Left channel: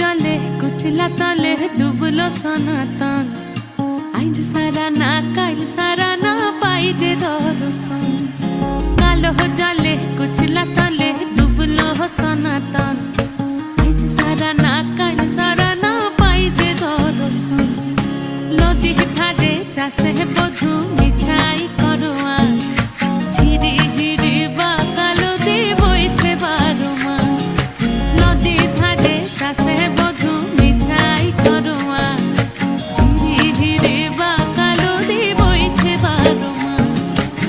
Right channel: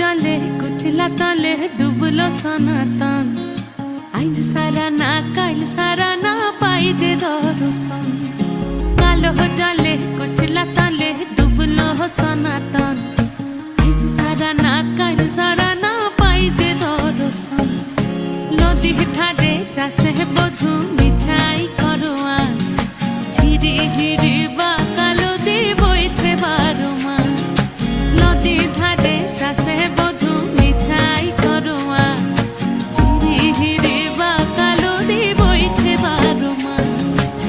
জলে কুচলা তলে ডুবলো সনাতন। আইজ সারা না কাইল সারা না পাই যে দর্শন। কালো জলে কুচলা তলে ডুবলো সনাতন। আইজ সারা না কাইল সারা না পাই যে দর্শন। নদী ধারে চাষে বধু মিছাই করোয়া